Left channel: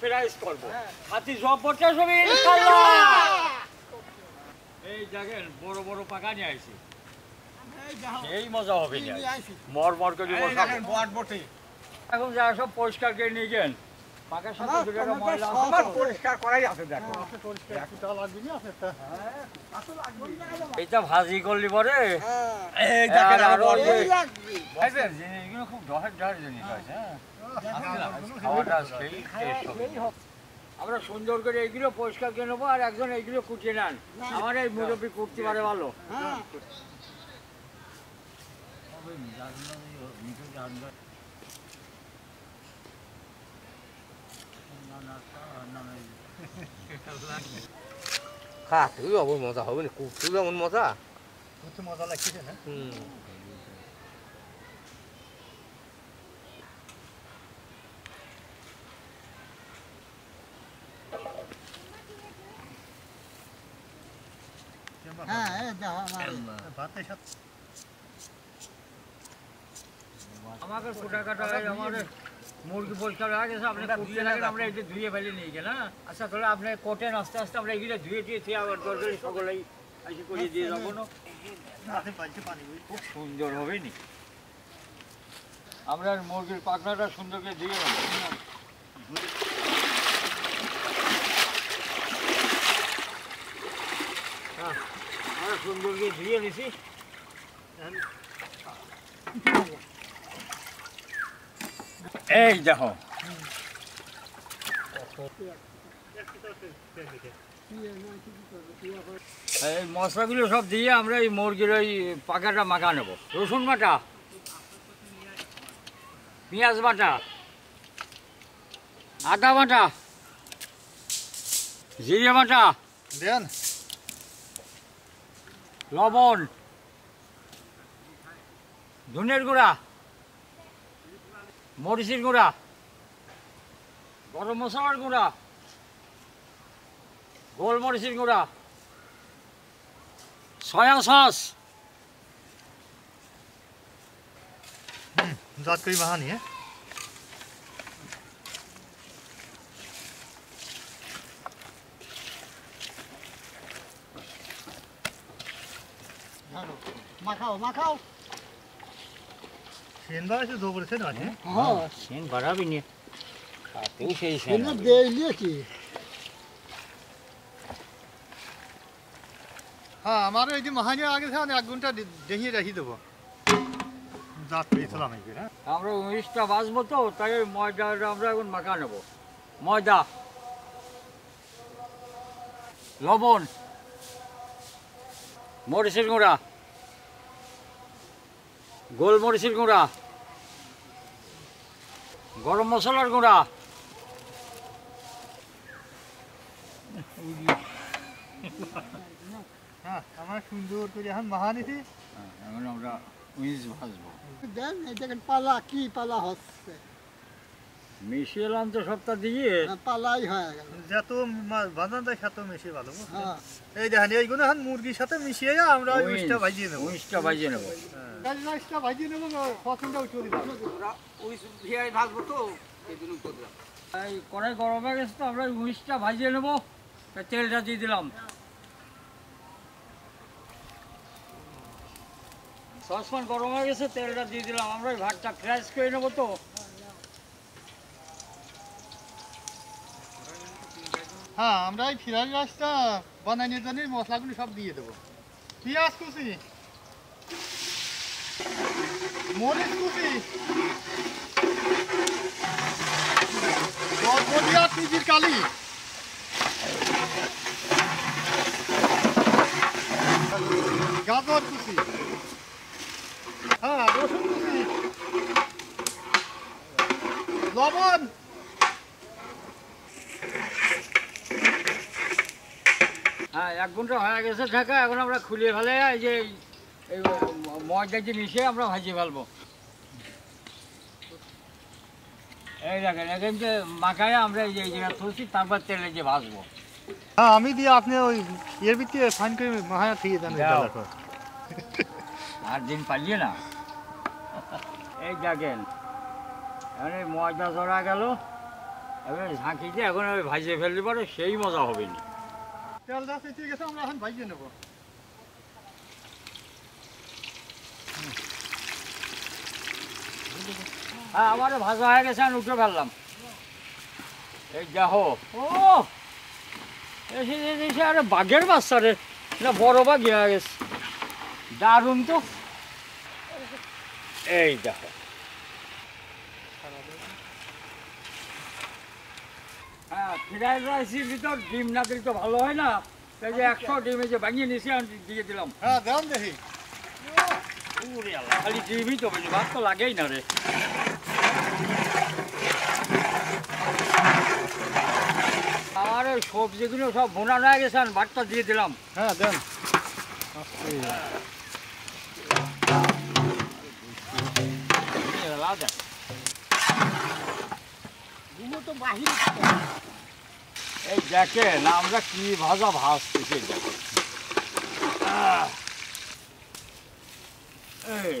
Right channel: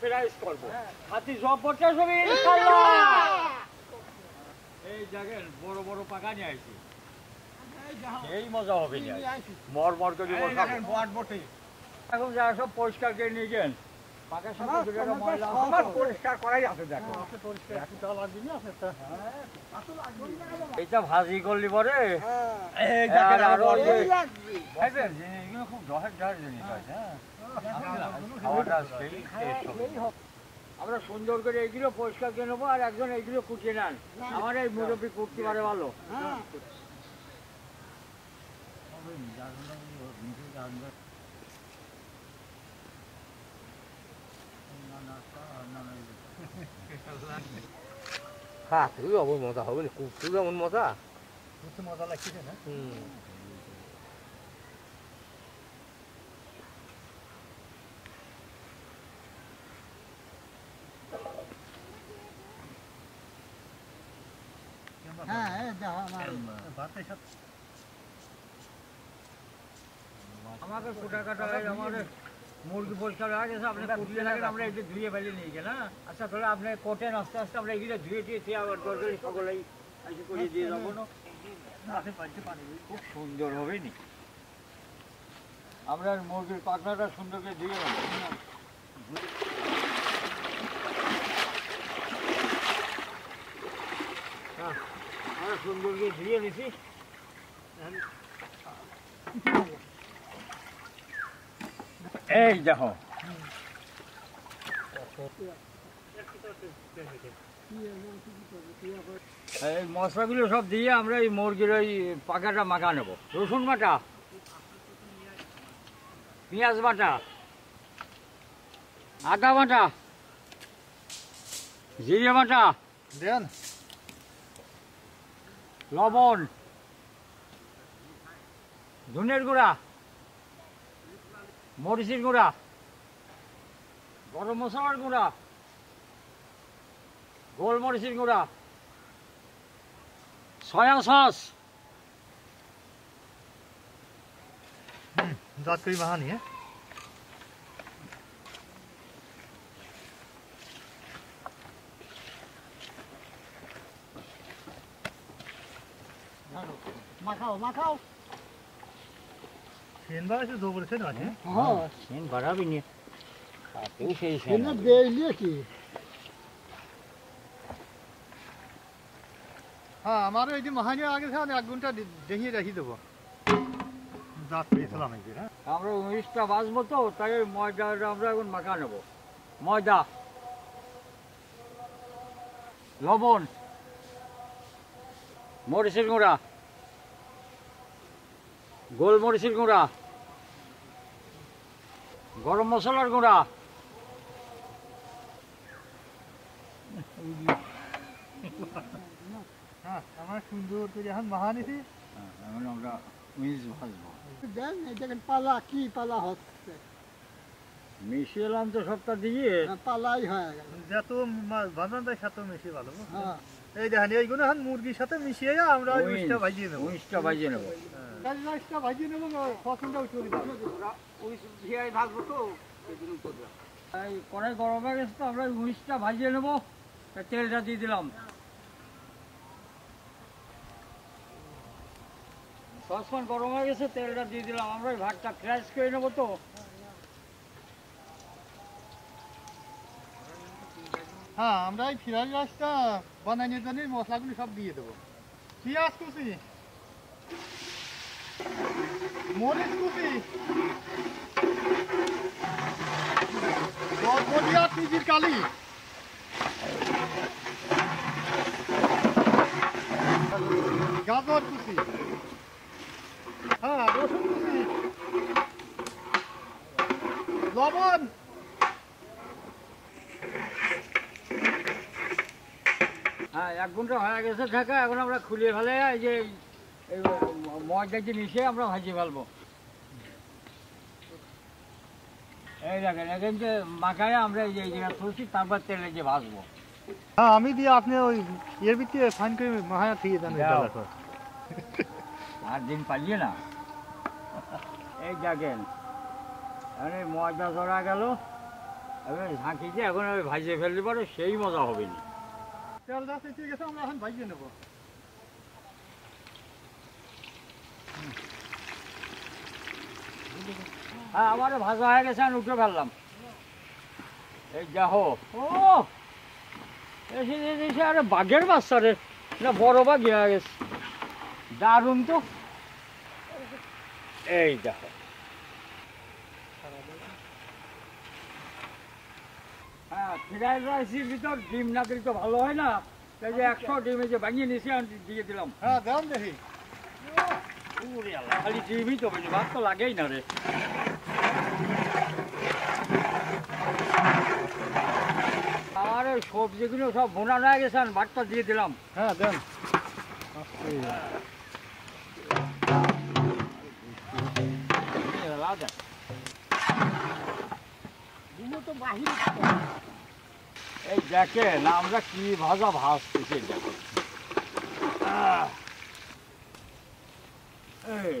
Fries করব খাতি সব পড়ছে সব ইনশাআল্লাহ এই দেখেন বড় বড় পাকা নিয়ে আইছি এই মজা হবে না মর মর করে দেখেন বট বটে এখন যা সব পরিষ্কার করে নিয়ে গেন পাকার সাথে দুটো ময়লা সব পরিষ্কার করাই আছে দেখো পরিষ্কার একটা লাগবে না আপনারটা হ্যাঁ আসল লাগবে এটা ভাজি করলি পরে এই দেখেন আর লাগবে ভাইবেন জিনিসগুলো খুব দহের জিনিস আছে হ্যাঁ খাওয়াটা সেই টেস্ট হবে আমরা সুন্দর করে এইগুলো পরিষ্কার করে নেবো আর একজন এইগুলো কুচিয়ে নেন আমার এই মুরব্বী কুটতে পারে ভালো খাতে অবর মজা হবে না কুটতে যেমন মজা কুটতে মজা লাগছে না হ্যাঁ ভাতের সাথে আমাকে ছোটা কাটা আমাদের মুরগি পরিষ্কার হয়ে গেছে আপনি কুটিয়ে থাকেন আমরা একটু ধুয়ে ফেলে নিয়ে গেল হ্যাঁ আচ্ছা তাহলে আপনি কোটেন আস্তে আস্তে আমরা এগুলো ধুয়ে টুয়ে আবার দরকারি সকলেই এসে করিয়ে দিয়ে যাবো না খুব সুন্দর হবে নি আমরা মুরগির পাখনাটা সুন্দর করে ধুয়ে নেবো আমরা সুন্দর করে ধুয়ে নিছি এই দেখো এই মশলাগুলো সব দিয়ে আমরা এই মুরগির ওই পাকাটা মাখা নেবো রসুন বাটা পেঁয়াজ বাটা আদা বাটা জিরে বাটা দেন লবণ ধনের গুঁড়া মরিচের গুঁড়া গরম মশলার গুঁড়া গোলমরিচের গুঁড়া সয়া সস जात करी वहाँ नहीं है মাখাও सेन बार से दो बरसे ना है हाँ सेन बड़ा भी नहीं खाते ही सही সেন দে লিয়ে কি हाँ हमारे ये महानी आगे से एक घंटा दही रही दो जात करी सलाम है फिर আমরা 19টা বাজবো তো তাই ওই ময়দাটা আমরা এখন মাখা নেব ময়দা লবণ মরিচের গুঁড়া গোলমরিচের গুঁড়া গরম মশলার গুঁড়া हाँ हमारे सुंदर तो यहाँ महानी थी এখন আমরা মিস ভাজবো দেন এই দেখেন পালা কি পালা হচ্ছে মিশিয়ে এলাম তো সবটা দিয়ে পালাই হয়ে গেল যত বাঁধান দেয় সাথে মিশিয়ে ভালো হ্যাঁ এই দেখেন এইগুলো এখন মুরগির সাথে মিশিয়ে আমরা উইসটা ভাজিয়ে নেবো 19টা ভাজিয়ে নেবো উইসটা ভাজিয়ে নেবো পছন্দও চলে যাবে এই কড়াই গরম হয়ে গেছে তো আমরা 19টা ভাজিয়ে নেবো তা তেলটা দিয়ে দিলাম সসপ্যান গরম হয়ে গেছে তেলটা দিয়ে দিলাম আমরা ওই ভাতটা ফ্রাইস করে নেবো তো হ্যাঁ আমরা এই ফ্রাইড রাইসটা বানানোর জন্য মশলাগুলো সব দিয়ে দেবো পেঁয়াজ কুচি মরিচ কুচি নিজের কালি গাজর কুচি হ্যাঁ রসুন কুচি লবণ হ্যাঁ 1 ঘন্টা হয়ে গেছে ঢাকা এখন আমরা খুলে ফেলে এই যে এই ময়দা যে মিশিয়ে আমরা ভাজিয়ে ফেলবো এই দেখেন এখন যে মাখায় আমরা এই যে তুলছি তারপর তেলে যে ভাজবো हाँ আমি দিয়ে আপনি ওই এর ভিতরে ফাইন করে মায়া দিয়ে দেন যাও। আর দিন পালিয়ে না এই দেখেন এখন এই ময়দা ধরা গেল এবার ঝাঁকি দিয়ে এখন আমি ভাজিয়ে ফেলতে পারে সেই মজা হবে না। তেলটা চেঁচে গেছে, আমরা এখন ভাজিয়ে নেবো। হ্যাঁ আমার ভাজা হয়ে গেছে, আমি উঠে ফেললাম। এই দেখো, ও এসে আরে বাঘের বাচ্চা রে, না বড় বাঘ হয়ে গেছে, দারুণ তো। এই দেখো, হ্যাঁ ফ্রাইড রাইসের ভিতর ডিম না দিলে তো ভালো হয় না। তাই যে 100 ডিম এই যে ভাঙিয়ে নিয়েছি আমি দিয়ে দিলাম। হ্যাঁ দেন দেখি। ওরে আল্লাহ, খালি ডিমই তো বেশি, ভাত তো লাগেই না রে। আর ওই সবজিগুলো সব ভোনা হয়ে গেছে, আমি ভাতটা দিয়ে দিলাম। হ্যাঁ দেন। এই দেখেন আমরা কি ভাজা ভাজতেছি, দেখেন। এই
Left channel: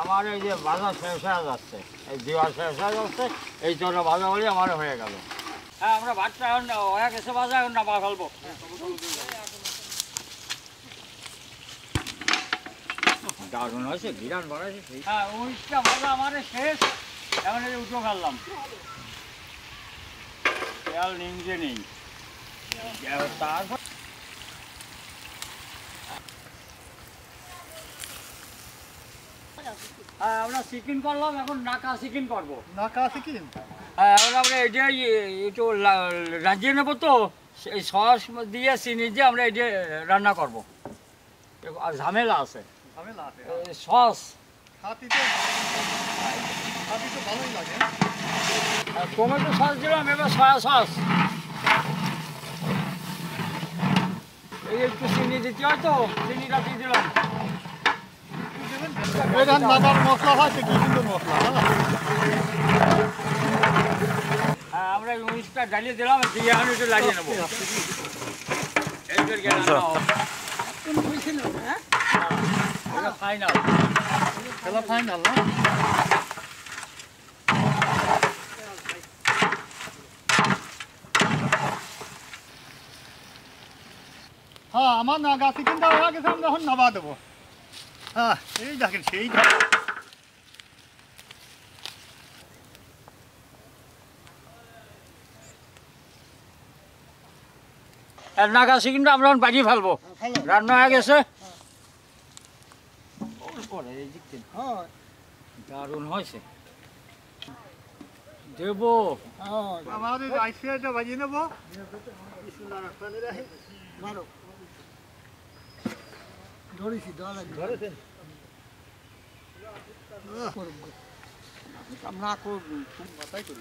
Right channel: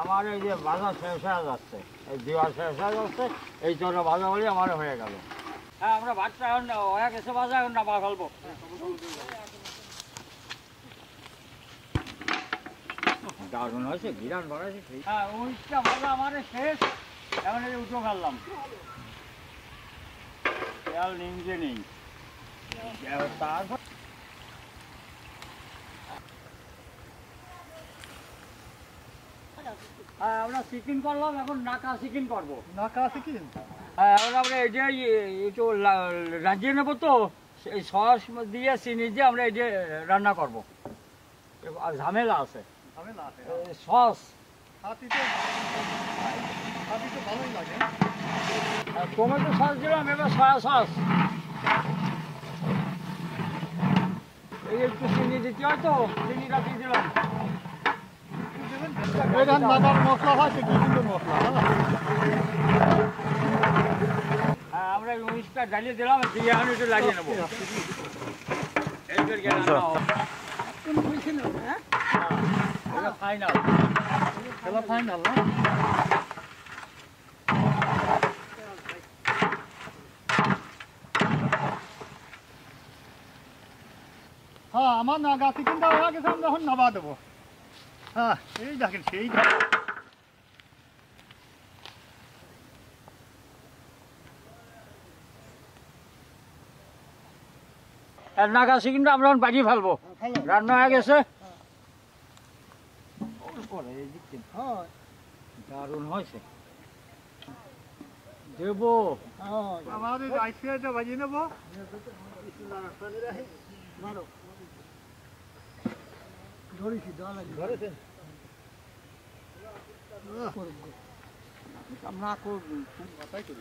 আমার এই যে ভাজা শেষ হয়ে যাচ্ছে, এই দেওয়া শেষ হয়ে যাচ্ছে, এই জন্য ভাজা বলে আমার হয়ে গেল। হ্যাঁ আমরা ভাতটা এখন হয়ে গেছে ভাজা, এখন নামা ফেলবো। দারুণ হয়েছে, বিরাট বাড়াইছে। হ্যাঁ উইচটা ভাজা আমার শেষ, এখন এই উঠে ফেললাম। তেল নিমজে নেই, তারপর হ্যাঁ আমরা চিকেন করলাম, এখন নাকা চিকেন করবো। নাকা চিকেন? হ্যাঁ এখন আমরা এটাই একটু রাজিয়ে নেবো, তো এই সস দিয়ে চিনি দিয়ে আমরা এটা রান্না করবো। আর ঝামেলা আছে, ঝামেলা আছে। সস খাতি তো ভালোই লাগে। টমেটো সস দিলাম, এবার সয়া সস। এই একটু চিনি দিতে হয় তো, চিনিটা দিয়ে দিলাম। এখান নাকার মশলা হয়েছে কি সুন্দর মশলা। হ্যাঁ আমরা এই উনিশটা জ্বালিয়ে দিলাম, দিয়ে এখন একটু লাগিয়ে নেবো। ফাইনাল, খেলা ফাইনাল না? হ্যাঁ আমার নাগা চিকেনটা হয়ে গেছে, আমরা এখন নামা দেবো। হ্যাঁ এই দেখেন সেই নাগা চিকেনটা আমরা এখন বাজিয়ে ফেলবো, রান্না হয়ে গেছে। দারুণ হয়েছে, দেবো। আমাদের রাইস ফ্রাইটা বাজিয়ে নেবো। ধরেছি, ধরা লাগবে। না করবো,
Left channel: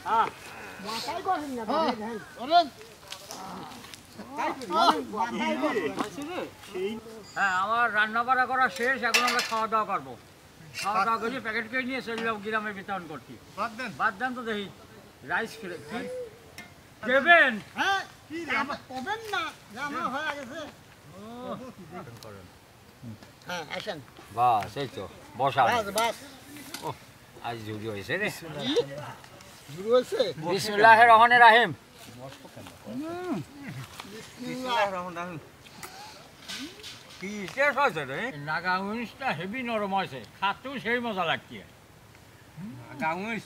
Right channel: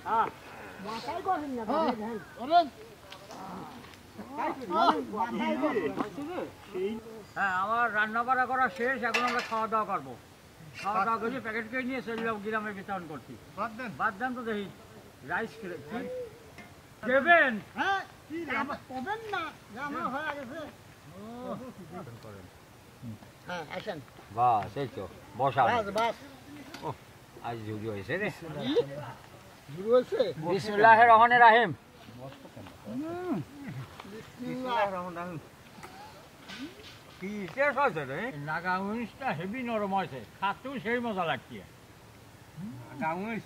হ্যাঁ মাথায় করেন না, হ্যাঁ, দেখেন। বলেন। হ্যাঁ আমার রান্না বাড়া করা শেষ, এখন আমরা খাওয়া দাওয়া করবো। খাওয়া দাওয়া করে প্যাকেট করে নিয়ে সেগুলো গ্রামে বিতরণ করছি। বাদ দেন তো দেখি রাইস দেবেন। হ্যাঁ, পাবেন না, রান্না হয়ে গেছে। হ্যাঁ, আসেন। বাস এই তো বসা, বাস, বাস। আজ জুড়ি হয়েছে রে। শুরু হয়েছে? বিসমিল্লাহির রহমানির রহিম। কি টেস্ট হয়েছে রে, নাগা উইংসটা হেভি নরম হয়েছে, খাতেও সেই মজা লাগছে। নাগা উইংস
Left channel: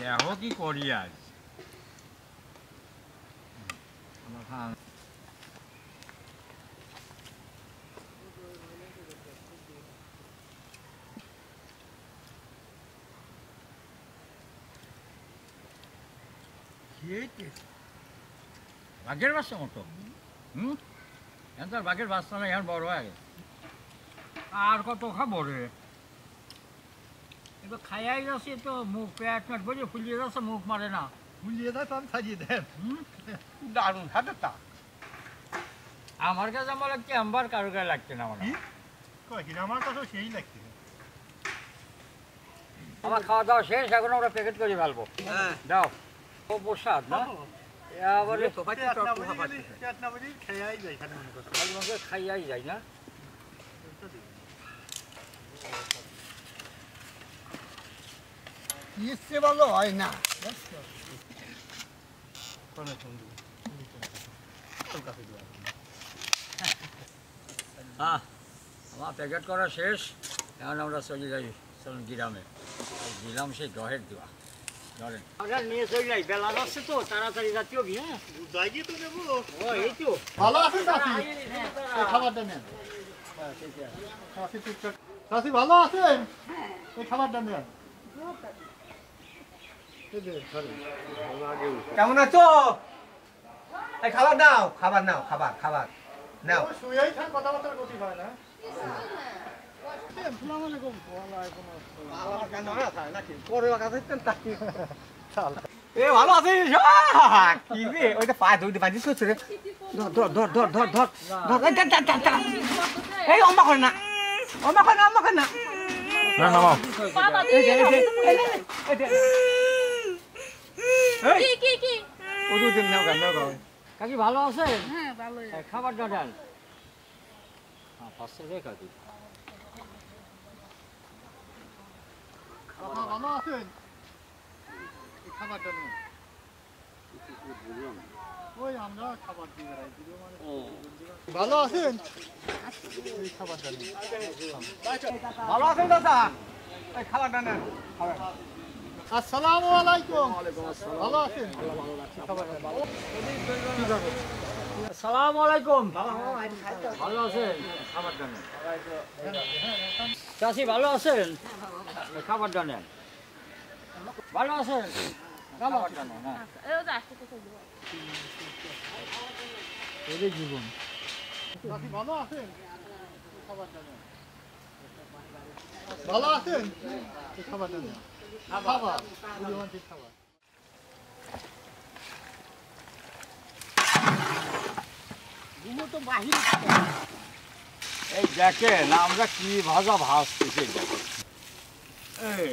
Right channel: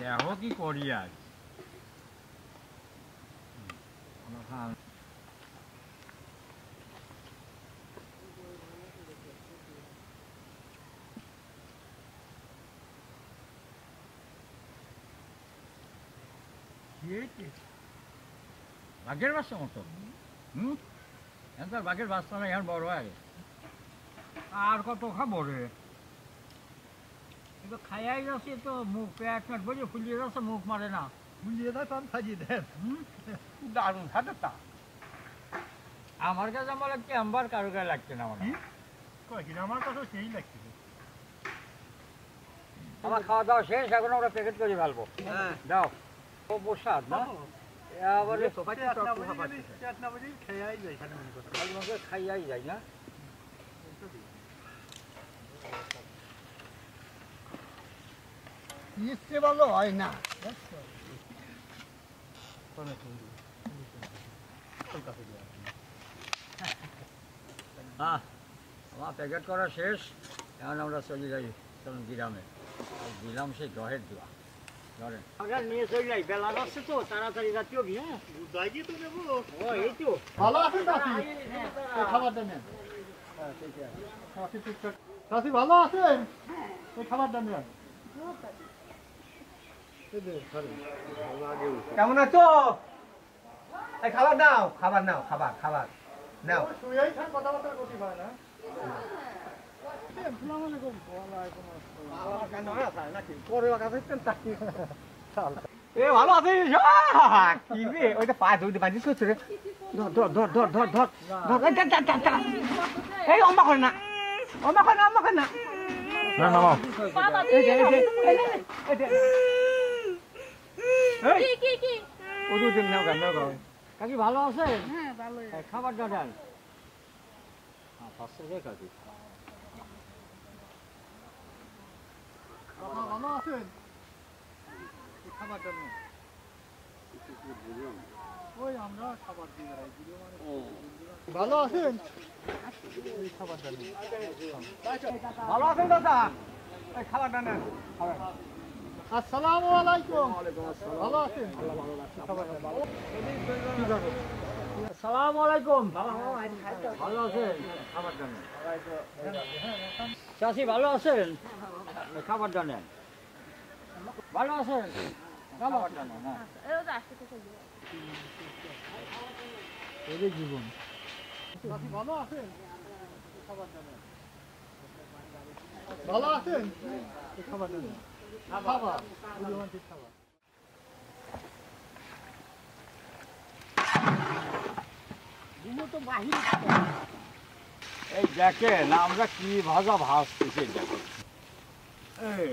দেখো কি করি আজ। বাঘের বাচ্চা মতো, এখন তার বাঘের বাচ্চা না, এখন বড় হয়ে গেছে। আর কত খাবো রে, একটু খাইয়াই যাচ্ছে তো, মুখ পেট মেট বলে ফুলিয়ে যাচ্ছে, মুখ মারে না। ফুলিয়ে দেয় তো আমি সাজিয়ে দেন। দারুণ হাতে তা আমার কাছে আমার লাগছে, আমার কারো গায়ে লাগছে না। আমার আমার কাছেও সেই লাগছে। আমার খাওয়া দাওয়া শেষ, এখন আমরা প্যাকেট করে ফেলবো। দাও, ও প্রসাদ না, খাইয়াই যায় না। ইচ্ছে ভালো হয় না হ্যাঁ আমার প্যাকেট করা শেষ এখন আমরা চলে যাই চলুন গ্রামে দিলাম সেই গহের দেওয়া ধরেন আমরা নিয়ে চলে যাই বেলা যাচ্ছে তো তাড়াতাড়ি জাতীয় কি হ্যাঁ যাই গিয়ে তো নেবো ও এই তো ভালো আছেন চাষি এই খাবারটা নেন চাষি ঠিকঠাক চাষি ভালো আছেন এই খাবারটা নেন কেমন আছো এই খাবার দাও খাবার নাও খাবার খাবার নাও শুয়েই থাক কথাবার্তার গতি হয় না এ ভালো আছিস কি রে ওইটা পা ধুইতে বাজিস করছে রে ধর ধর ধর ধর ধর ধর এই অম্মা করে না অম্মা করে না অম্মা করে না না নামাও এই যে এই কি কি কি ওদু দিন নাও গান নাও কাকি ভালো আছেন হ্যাঁ ভালোই খাবারটা দেন হ্যাঁ পাঁচশো রে কাকি ভালো আছেন এই খাবারটা নেন ওই আমরা খাবার দিয়ে বেড়াই ভালো আছেন এই খাবারটা নেন ভালো আছেন দাদা এই খাবারটা নেন আসসালামু আলাইকুম ভালো আছেন আসসালামু আলাইকুম ভালো আছেন খাবারটা নেন চাষি ভালো আছেন খাবারটা নেন ভালো আছেন খাবারটা নেন হ্যাঁ এও যা আসতে তো এটাই জীবন চাষি ভালো আছেন খাবারটা নেন ভালো আছেন এই খাবারটা নেন খাবার রোমান্টিক খাবার এই দেখেন আমরা কি ভাজা ভাজতেছি দেখেন এই